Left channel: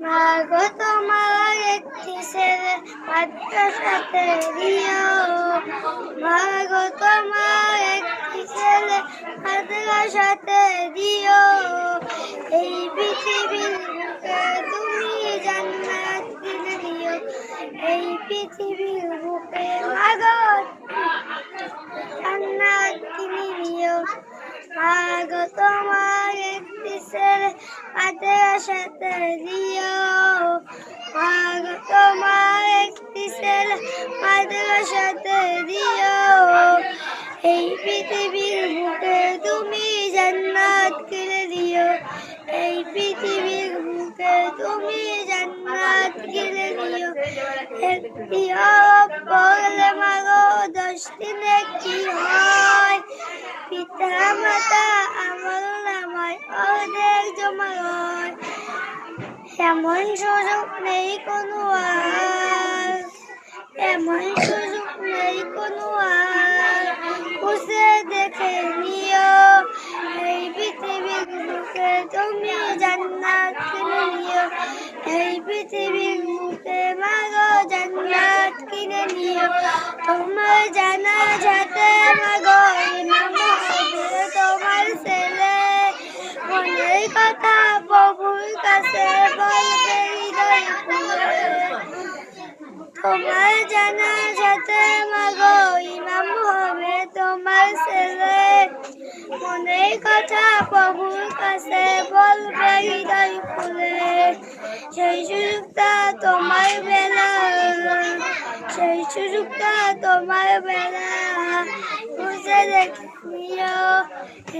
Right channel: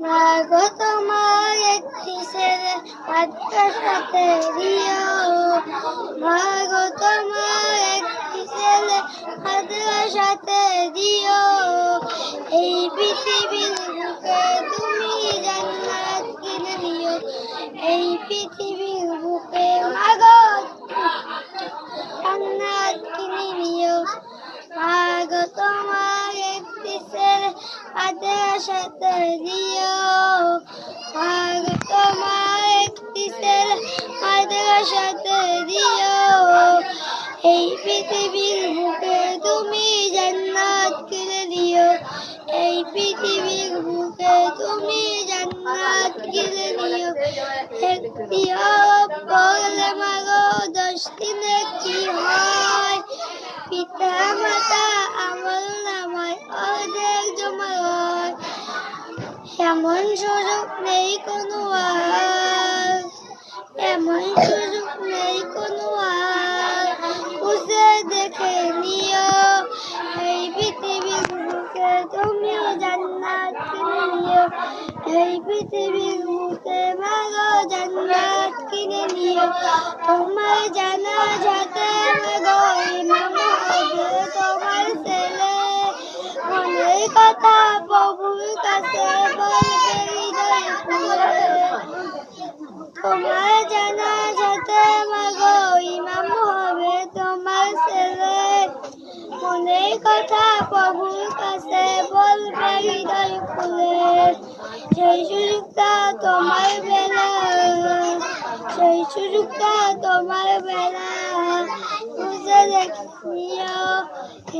মাগো তোমার একটি ছেলে মাদ্রাসাতে দিও। মাগো তোমার একটি ছেলে মাদ্রাসাতে দিও। এই পৃথিবীর বুকে তুমি জান্নাত কিনে দিও। এই পৃথিবীর বুকে মাগো জান্নাত কিনে দিও। মাগো তোমার একটি ছেলে মাদ্রাসাতে দিও। মাগো তোমার একটি ছেলে মাদ্রাসাতে দিও। এই পৃথিবীর বুকে তুমি জান্নাত কিনে দিও। এই পৃথিবীর বুকে তুমি জান্নাত কিনে দিও। একটি হরফ পড়লে মাগো 10 দিনে কি হয়? পিতা মাতা আমল নামায় ওদের জমা হয়। এমন সুযোগ নেই কোনো আর, এমন সুযোগ নেই কোনো আর। খুঁজে দেখে নিও। এই পৃথিবীর বুকে তুমি জান্নাত কিনে নিও। এই পৃথিবীর বুকে মাগো জান্নাত কিনে নিও। তোমার জানাজাতে মাগো ইমাম হবে তোমার ছেলে। মনের কথা প্রভুর কাছে বলবে হৃদয় খুলে। তোমার জানাজাতে মাগো ইমাম হবে তোমার ছেলে। মনের কথা প্রভুর কাছে বলবে হৃদয় খুলে। সেই সুযোগটা তোমার বেলা, সেই সুযোগটা তোমার বেলা। খুঁজে দেখে নিও।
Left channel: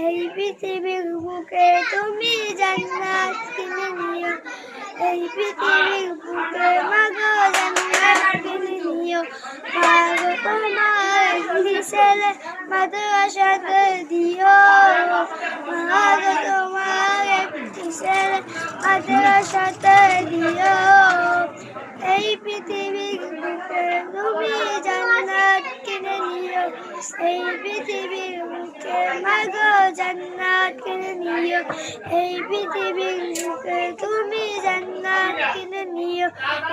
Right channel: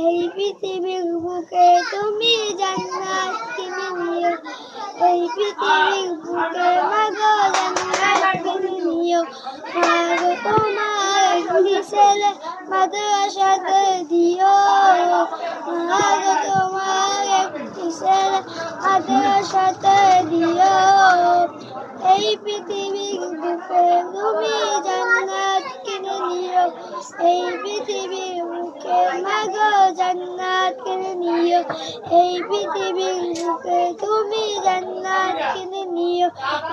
এই পৃথিবীর বুকে তুমি জান্নাত কিনে নিও। এই পৃথিবীর বুকে মাগো জান্নাত কিনে নিও। মাগো তোমার একটি ছেলে মাদ্রাসাতে দিও। মাগো তোমার একটি ছেলে মাদ্রাসাতে দিও। এই পৃথিবীর বুকে তুমি জান্নাত কিনে নিও। এই পৃথিবীর বুকে মাগো জান্নাত কিনে নিও। এই পৃথিবীর বুকে তুমি জান্নাত কিনে নিও।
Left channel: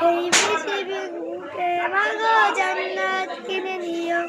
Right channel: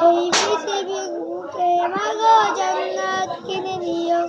এই পৃথিবীর বুকে মাগো জান্নাত কিনে নিও।